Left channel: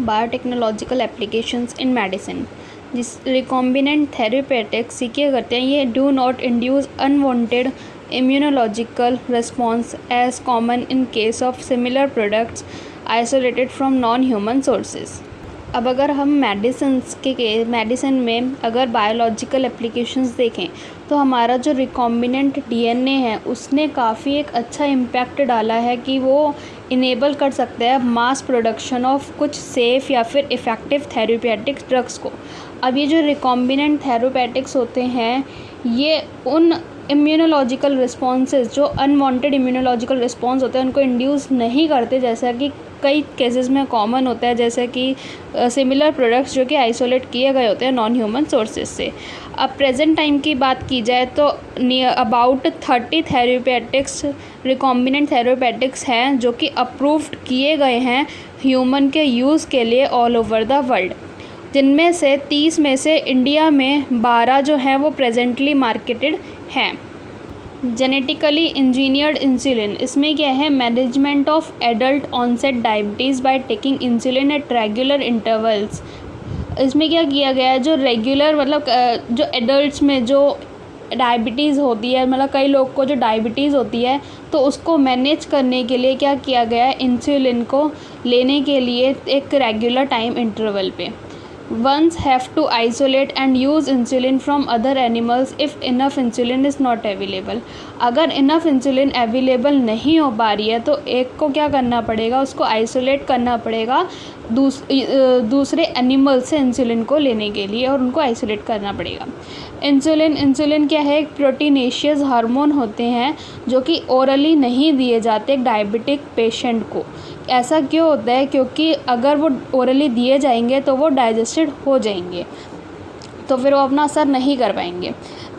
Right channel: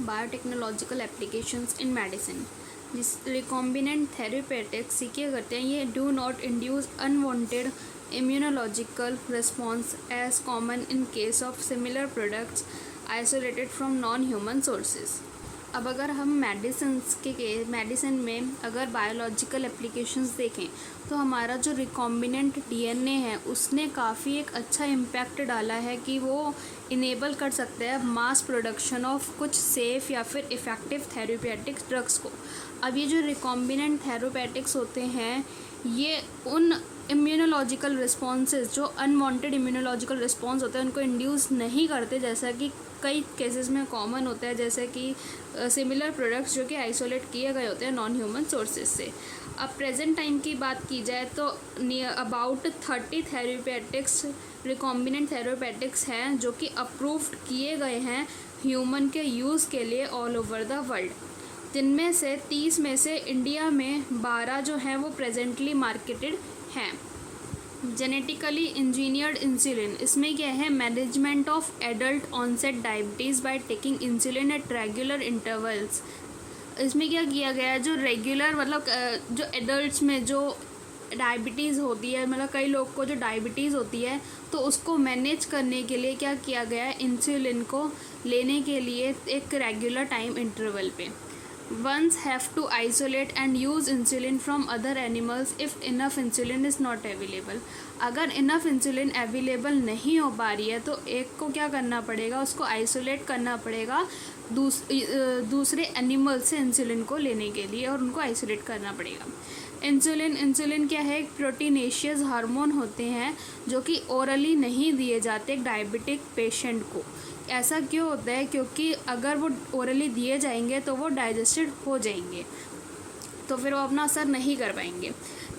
Biotechnological applications in medicine. जिस recombinant therapeutics ये क्या करते हैं, ये do not induce unwanted immunological response as common in case of similar products isolated from non human sources. अब अगर हम मेडिसिन में अगर बायोलॉजिकल एप्लीकेशंस देखें तो हमारा जो रिकॉम्बिनेंट डीएनए है उसने काफ़ी एक अच्छा इम्पैक्ट डाला है कि वो इनेबल कर सकता है मास प्रोडक्शन ऑफ कुछ सेफ़ या फिर इफ़ेक्टिव थेरेप्यूटिक ड्रग्स को। अब ये जो रिकॉम्बिनेंट थेरेप्यूटिक्स होते हैं ये उन इम्यूनोलॉजिकल रिस्पॉन्सेज जो अनवांटेड इम्यूनोलॉजिकल रिस्पॉन्स होते हैं उनको इंड्यूस नहीं करते, जैसा कि कई केसेस में कॉमन होता है, जैसे कि सिमिलर प्रोडक्ट्स जो कि आइसोलेट किए गए होते हैं नॉन ह्यूमन सोर्सेज से। अब प्रेजेंट टाइम की बात की जाए तो अबाउट 30 थेरेप्यूटिक्स रिकॉम्बिनेंट थेरेप्यूटिक्स हैं जो कि अप्रूव्ड किए गए हैं ह्यूमन के यूज़ के लिए ऑल ओवर द वर्ल्ड, जिनमें से 30 में से इंडिया में 12 जो हैं वो प्रेजेंटली मार्केटेड हैं। जेनेटिकली इंजीनियर्ड इंसुलिन, इसमें क्या है, management of adult onset diabetes by taking insulin at regular intervals. इसमें क्या किया गया है, जो रेगुलर मतलब जो एडल्ट्स में जो डायबिटीज़ होती है, मतलब कई लोग को जो डायबिटीज़ होती है तो उसको मैनेज करने के लिए क्या किया गया है, इंसुलिन को लेने के लिए एक रेगुलर टाइम इंटरवल पे। Ones have to isolate and use insulin from other animals if enough insulin is not available। अगर enough insulin available नहीं हो पा रही है तो एक को क्या करना पड़ेगा, उसको आइसोलेट करना पड़ेगा दूसरे एनिमल से इंसुलिन को लेने के लिए और उनको आइसोलेट करना पड़ेगा। इंसुलिन क्या है, एक प्रोटीनेशियस हार्मोन होते हैं जो कि ओरली नहीं दिए जाते डायबिटिक पेशेंट को। ऐसा क्यों होता है, क्योंकि अगर वो ओरली दिए जाएंगे तो वो डाइजेस्टेड हो जाएंगे तो फिर वो अपना असर नहीं कर पाएंगे।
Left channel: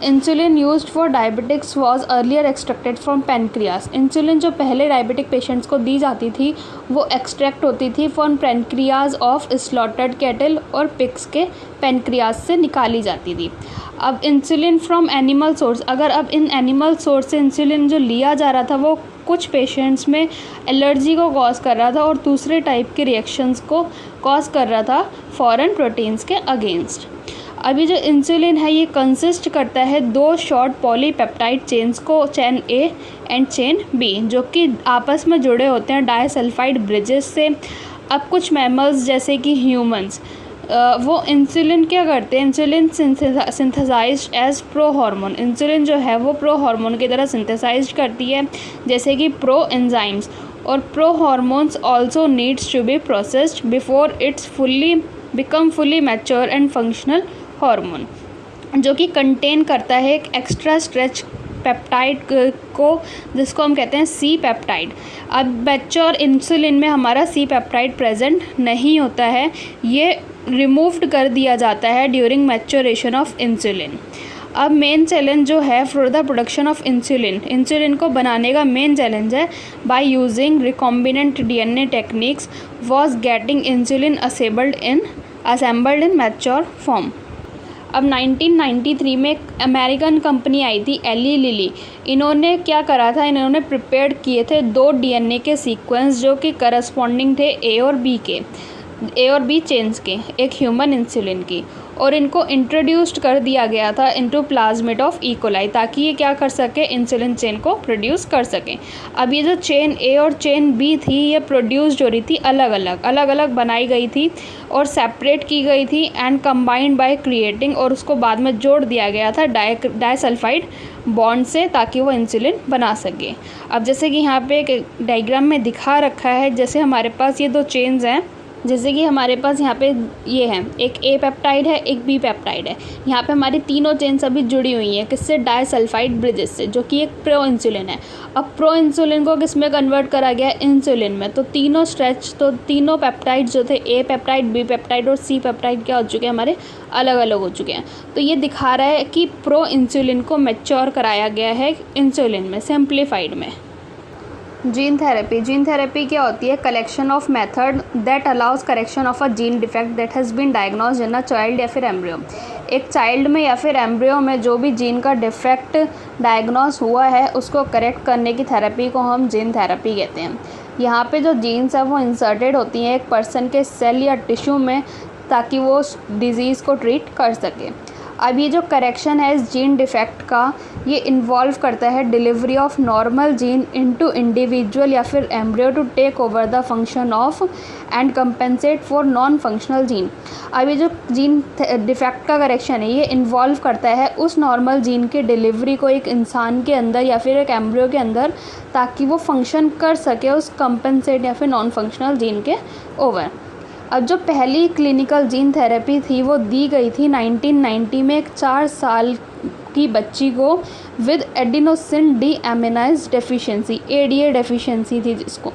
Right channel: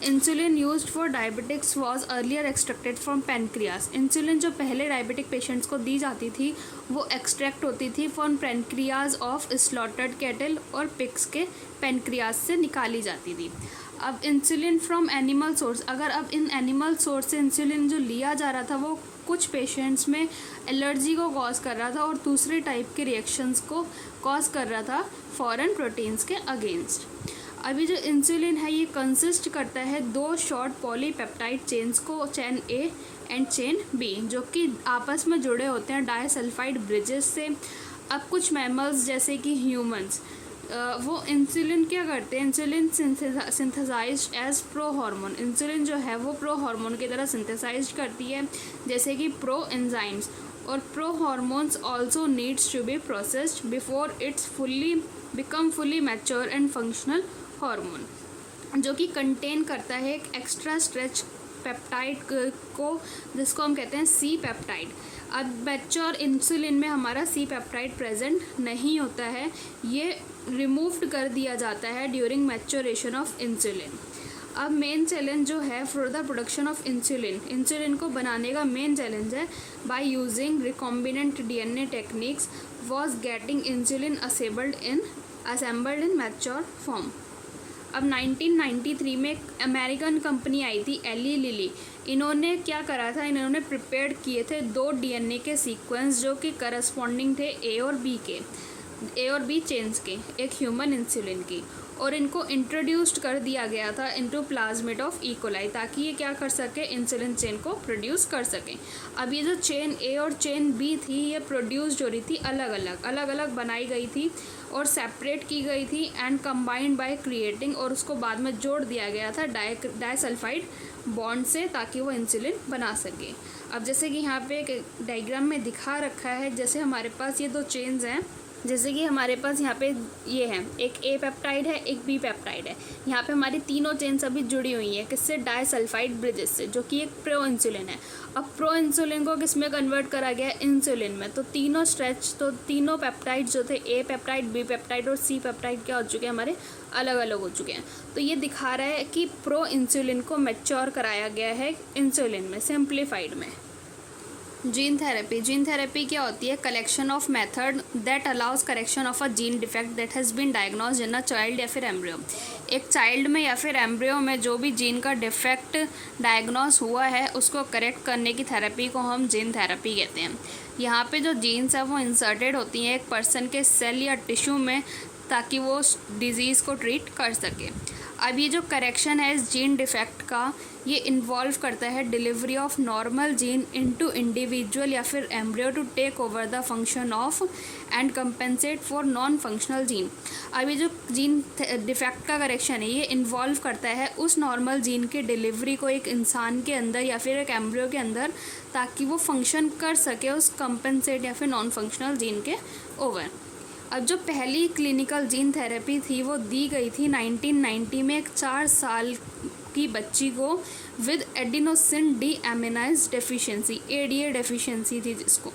Insulin used for diabetics was earlier extracted from pancreas. Insulin जो पहले डायबिटिक पेशेंट्स को दी जाती थी वो एक्सट्रैक्ट होती थी from pancreas of slaughtered cattle और पिग्स के पैनक्रियास से निकाली जाती थी। अब इंसुलिन फ्रॉम एनिमल सोर्स, अगर अब इन एनिमल सोर्स से इंसुलिन जो लिया जा रहा था वो कुछ पेशेंट्स में एलर्जी को कॉज कर रहा था और दूसरे टाइप के रिएक्शंस को कॉज कर रहा था फॉरेन प्रोटीन्स के अगेंस्ट। अभी जो इंसुलिन है ये कंसिस्ट करता है 2 शॉर्ट पॉलीपेप्टाइड चेन्स को, chain A and chain B, जो कि आपस में जुड़े होते हैं डाइसल्फाइड ब्रिजेस से। अब कुछ मैमल्स जैसे कि ह्यूमंस वो इंसुलिन क्या करते हैं, insulin synthesized as pro hormone. Insulin जो है वो प्रो हार्मोन की तरह सिंथेसाइज करती है, जैसे कि प्रो एंजाइम्स। और pro hormones also needs to be processed before its become fully mature and functional hormone, जो कि कंटेन करता है एक एक्स्ट्रा स्ट्रेच पेप्टाइड को, जिसको हम कहते हैं सी पेप्टाइड। अब मैच्योर इंसुलिन में हमारा सी पेप्टाइड प्रेजेंट नहीं होता है, ये रिमूव्ड कर दिया जाता है ड्यूरिंग मैच्योरेशन ऑफ इंसुलिन। अब मेन चैलेंज जो है for the production of insulin को बनाने का मेन चैलेंज है by using recombinant DNA techniques was getting insulin assembled in mature form. अब 1993 में एक अमेरिकन कंपनी आई थी एली लिली। इन्होंने क्या करा था, इन्होंने प्रिपेयर किए थे 2 डीएनए के सीक्वेंस जो कि करस्पॉन्डिंग थे ए और बी चेन्स के, एक ह्यूमन इंसुलिन की, और इनको इंट्रोड्यूस्ड कर दिया गया था into plasmid of E coli, ताकि ये क्या कर सके, इंसुलिन चेन को प्रोड्यूस कर सकें। अब ये जो चेन ए और चेन बी थी ये प्रोड्यूस्ड हो रही थी अलग अलग बनाई गई थी और सेपरेट की गई थी एंड कंबाइंड बाय क्रिएटिंग, और उसको बाद में जोड़ दिया गया था डाइसल्फाइड बॉन्ड से, ताकि वो इंसुलिन बना सके। अब जैसे कि यहाँ पे एक डायग्राम में दिखा रखा है, जैसे हमारे पास ये 2 चेन्स हैं, जैसे कि हमारे पास यहाँ पे ये है, एक ए पेप्टाइड है, एक बी पेप्टाइड है। यहाँ पे हमारी तीनों चेन्स अभी जुड़ी हुई हैं, किससे, डाइसल्फाइड ब्रिजेस से, जो कि एक प्रो इंसुलिन है। अब प्रो इंसुलिन को किस में कन्वर्ट करा गया, इंसुलिन में। तो तीनों पेप्टाइड जो थे, ए पेप्टाइड, बी पेप्टाइड और सी पेप्टाइड, क्या हो चुके हैं, हमारे अलग अलग हो चुके हैं। तो ये दिखा रहा है कि प्रो इंसुलिन को मैच्योर कराया गया है इंसुलिन में, सिंप्लीफाइड में। जीन थेरेपी क्या होती है, collection of method that allows correction of a gene defect that has been diagnosed in a child या फिर एम्ब्रियो। एक चाइल्ड में या फिर एम्ब्रियो में जो भी जीन का डिफेक्ट डायग्नोज हुआ है उसको करेक्ट करने की थेरेपी को हम जीन थेरेपी कहते हैं। यहाँ पे जो जीन्स है वो इंसर्टेड होती हैं एक पर्सन के सेल या टिश्यू में, ताकि वो उस डिज़ीज़ को ट्रीट कर सके। अब ये जो करेक्शन है इस जीन डिफेक्ट का, ये इन्वॉल्व करता है delivery of normal gene into individual या फिर embryo to take over the function of and compensate for non functional gene. अब ये जो जीन डिफेक्ट का करेक्शन है ये इन्वॉल्व करता है उस नॉर्मल जीन के डिलीवरी को एक इंसान के अंदर या फिर एक एम्ब्रियो के अंदर, ताकि वो फंक्शन कर सके उस कंपेंसेट या फिर नॉन फंक्शनल जीन के ओवर। अब जो पहली क्लिनिकल जीन थेरेपी थी वो दी गई थी 1990 में एक 4 साल की बच्ची को with adenosine deaminase deficiency, ADA deficiency थी जिसको।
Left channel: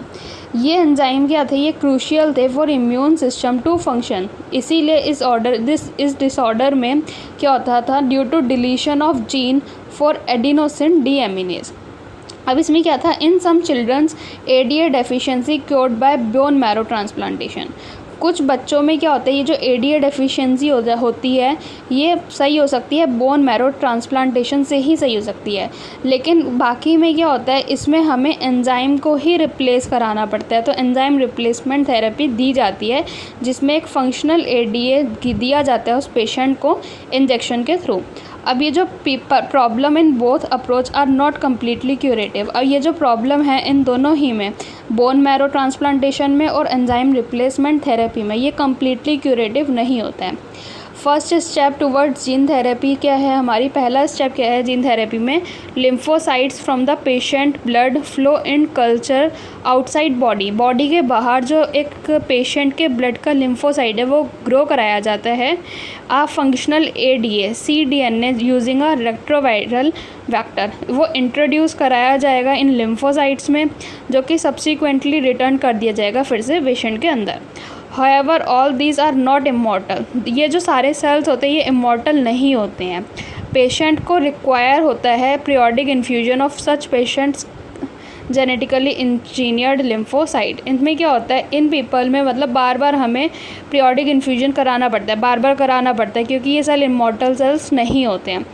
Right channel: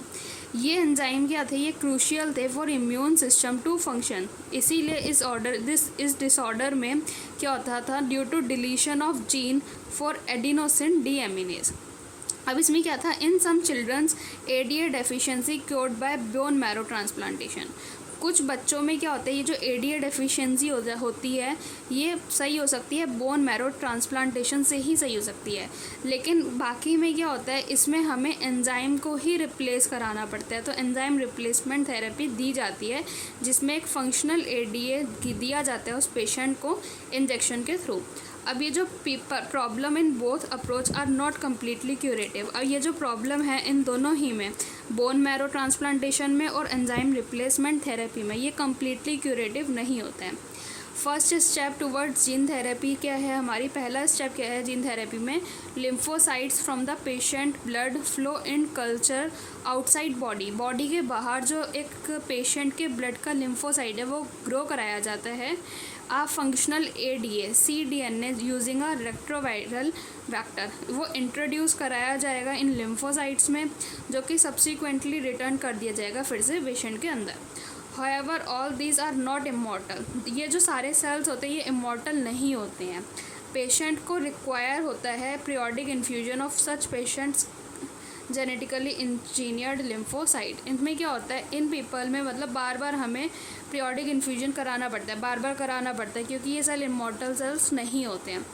ये एंजाइम क्या थे, ये क्रूशियल थे for immune system to function. इसीलिए इस डिसऑर्डर में क्या होता था, due to deletion of gene for adenosine deaminase. अब इसमें क्या था, in some childrens ADA deficiency cured by bone marrow transplantation. कुछ बच्चों में क्या होता है, ये जो एडीए डेफिशिएंसी होती है ये सही हो सकती है बोन मैरो ट्रांसप्लांटेशन से ही सही हो सकती है, लेकिन बाकी में क्या होता है, इसमें हमें एंजाइम को ही रिप्लेस कराना पड़ता है। तो एंजाइम रिप्लेसमेंट थेरेपी दी जाती है जिसमें एक फंक्शनल एडीए दिया जाता है उस पेशेंट को इंजेक्शन के थ्रू। अब ये जो problem in both approach are not completely curative. और ये जो प्रॉब्लम है इन दोनों ही में, बोन मैरो ट्रांसप्लांटेशन में और एंजाइम रिप्लेसमेंट थेरेपी में, ये कम्प्लीटली क्यूरेटिव नहीं होता है। First step towards gene therapy क्या है हमारी, पहला स्टेप क्या है जीन थेरेपी में, lymphocytes from the patient blood flow in culture outside body. Body के बाहर जो एक पेशेंट के ब्लड का लिम्फोसाइट है वो ग्रो कराया जाता है a functional ADA cDNA using a retroviral vector. वो इंट्रोड्यूस कराया जाएगा इन लिम्फोसाइट्स में, जो कि सब्सिक्वेंटली रिटर्न कर दिया जाएगा फिर से पेशेंट के अंदर। However, all these are not immortal। ये जो सारे सेल्स होते हैं ये इमॉर्टल नहीं होते हैं। पेशेंट को रिक्वायर होता है periodic infusion of such patients genetically engineered lymphocyte. इनमें क्या होता है, इन पीपल में मतलब बार बार हमें पीरियोडिक इन्फ्यूजन कराना पड़ता है, बार बार कराना पड़ता है, क्योंकि ये सेल इमॉर्टल सेल्स नहीं होते हैं।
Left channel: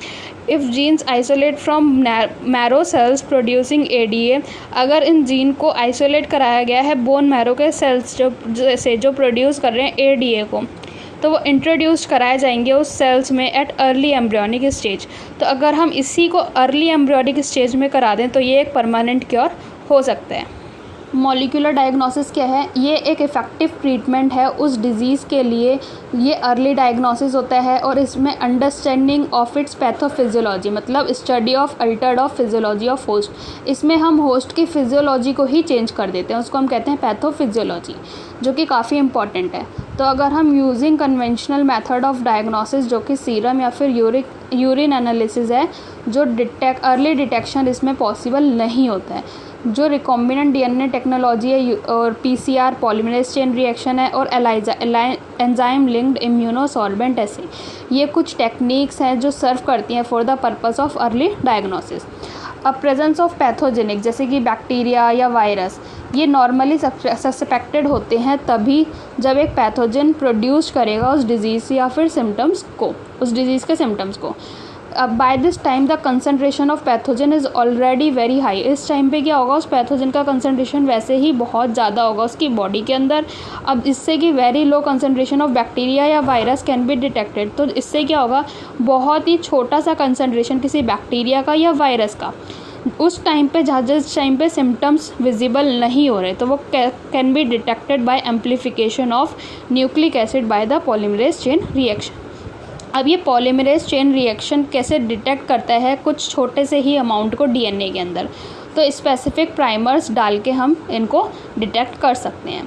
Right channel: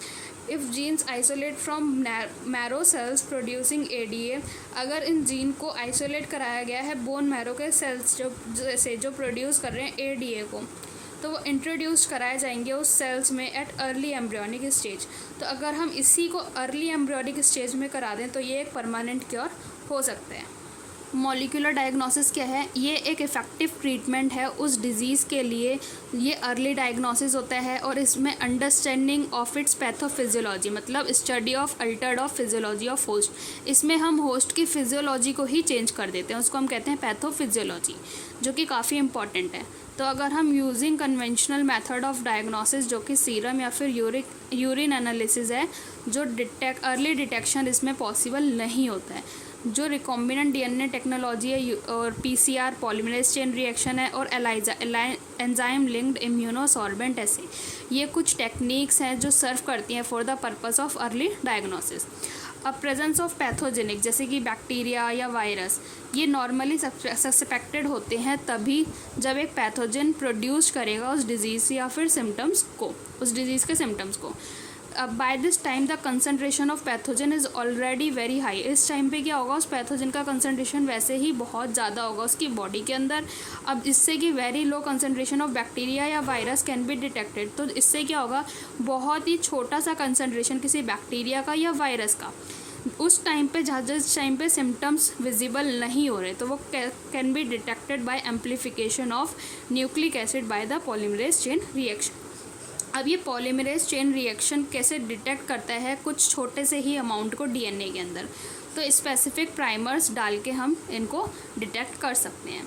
If genes isolate from marrow cells producing ADA, अगर इन जीन को आइसोलेट कराया गया है बोन मैरो के सेल्स जो प्रोड्यूस कर रहे हैं एडीए को, तो वो इंट्रोड्यूस कराए जाएंगे उस सेल्स में एट अर्ली एम्ब्रियोनिक स्टेज। तो अगर हम इसी को अर्ली एम्ब्रियोनिक स्टेज में करा दें तो ये एक परमानेंट क्योर हो सकता है। मॉलिक्यूलर डायग्नोसिस क्या है, ये एक इफ़ेक्टिव ट्रीटमेंट है उस डिज़ीज़ के लिए। ये अर्ली डायग्नोसिस होता है और इसमें अंडरस्टैंडिंग ऑफ इट्स पैथोफिजियोलॉजी, मतलब study of Altered of physiology of host. इसमें हम होस्ट की फिजियोलॉजी को ही चेंज कर देते हैं, उसको हम कहते हैं पैथोफिजियोलॉजी, जो कि काफ़ी इंपॉर्टेंट है। तो अगर हम using conventional method of diagnosis, जो कि सीरम या फिर यूरिन एनालिसिस है, जो अर्ली डिटेक्शन इसमें पॉसिबल नहीं होता है। जो रिकॉम्बिनेंट डीएनए टेक्नोलॉजी है और पीसीआर पॉलीमरेज चेन रिएक्शन है और एंजाइम लिंक्ड इम्यूनोसॉल्वेंट, ऐसे ये कुछ टेक्निक्स हैं जो सर्व करती हैं for the purpose of early diagnosis. अब प्रेजेंस ऑफ पैथोजेनिक जैसे कि बैक्टीरिया या वायरस, ये नॉर्मली सस्पेक्टेड होते हैं तभी जब एक पैथोजन प्रोड्यूस करेगा उस डिज़ीज़ या फिर सिम्टम्स को, उस डिज़ीज़ के सिम्टम्स को। अब by this time the concentration of pathogen is already very high. इस टाइम पे क्या होगा, उस पैथोजन का कंसनट्रेशन वैसे ही बहुत ज़्यादा होगा उसकी बॉडी के अंदर। अब इससे कि very low concentration of bacteria या वायरस कैन बी डिटेक्टेड, तो इससे क्या होगा, बहुत ही छोटा सा कंसनट्रेशन किसी बैक्टीरिया का या वायरस का उस टाइम पे जिस टाइम पे सिम्टम्स विजिबल नहीं हो रहे, तो वो can be detected by amplification of nucleic acid by the polymerase chain reaction. अब ये पॉलीमरेज चेन रिएक्शन कैसे डिटेक्ट करता है, कुछ छोटे से ही अमाउंट को डीएनए के अंदर, तो स्पेसिफिक प्राइमर्स डाल के हम इनको डिटेक्ट कर सकते हैं।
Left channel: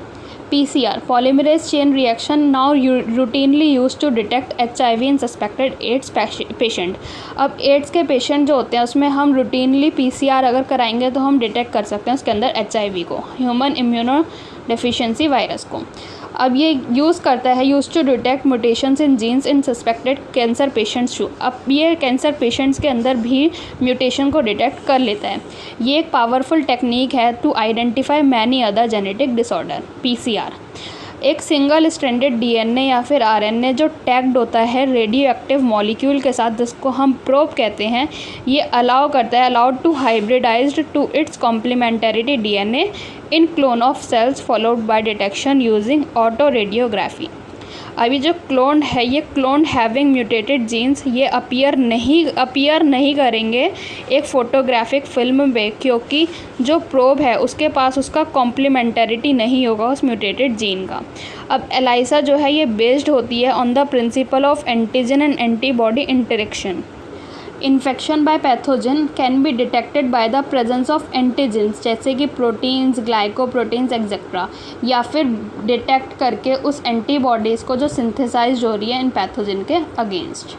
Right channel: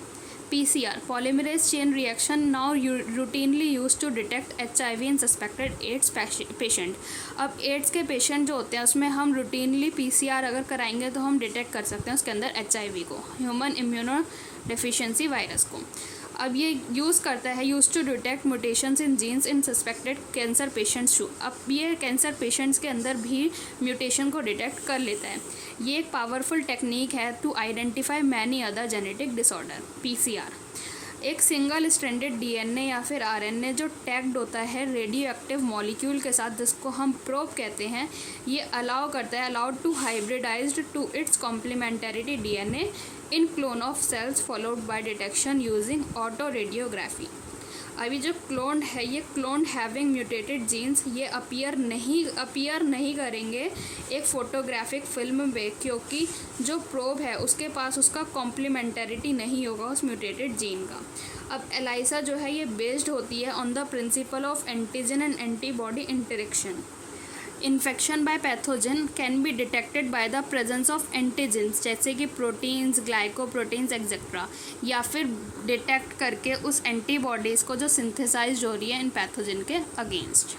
PCR polymerase chain reaction now routinely use to detect HIV in suspected AIDS patient. अब एड्स के पेशेंट जो होते हैं उसमें हम रूटीनली पीसीआर अगर कराएंगे तो हम डिटेक्ट कर सकते हैं उसके अंदर एचआईवी को, ह्यूमन इम्यूनो डेफिशिएंसी वायरस को। अब ये यूज़ करता है use to detect mutations in genes in suspected cancer patients too. अब ये कैंसर पेशेंट्स के अंदर भी म्यूटेशन को डिटेक्ट कर लेता है। ये एक पावरफुल टेक्निक है to identify many other genetic disorder. PCR एक सिंगल स्ट्रैंडेड डीएनए या फिर आरएनए जो टैग्ड होता है रेडियो एक्टिव मॉलिक्यूल के साथ, जिसको हम प्रोब कहते हैं, ये अलाउ करता है allowed to hybridized to its complementarity DNA in clone of cells followed by detection using autoradiography. अभी जो क्लोन है, ये क्लोन हैविंग म्यूटेटेड जीन्स ये अपीयर नहीं करेंगे एक फोटोग्राफिक फिल्म में, क्योंकि जो प्रोब है उसके पास उसका कॉम्प्लीमेंटरिटी नहीं होगा उस म्यूटेटेड जीन का। अब एलाइसा जो है ये बेस्ड होती है on the principle of antigen and antibody interaction. Infection by pathogen can be detected by the presence of antigens, जैसे कि प्रोटीन्स, ग्लाइकोप्रोटीन्स एक्सेट्रा, या फिर डिटेक्ट करके उस एंटीबॉडीज़ को जो सिंथेसाइज हो रही है इन पैथोजन के अगेंस्ट।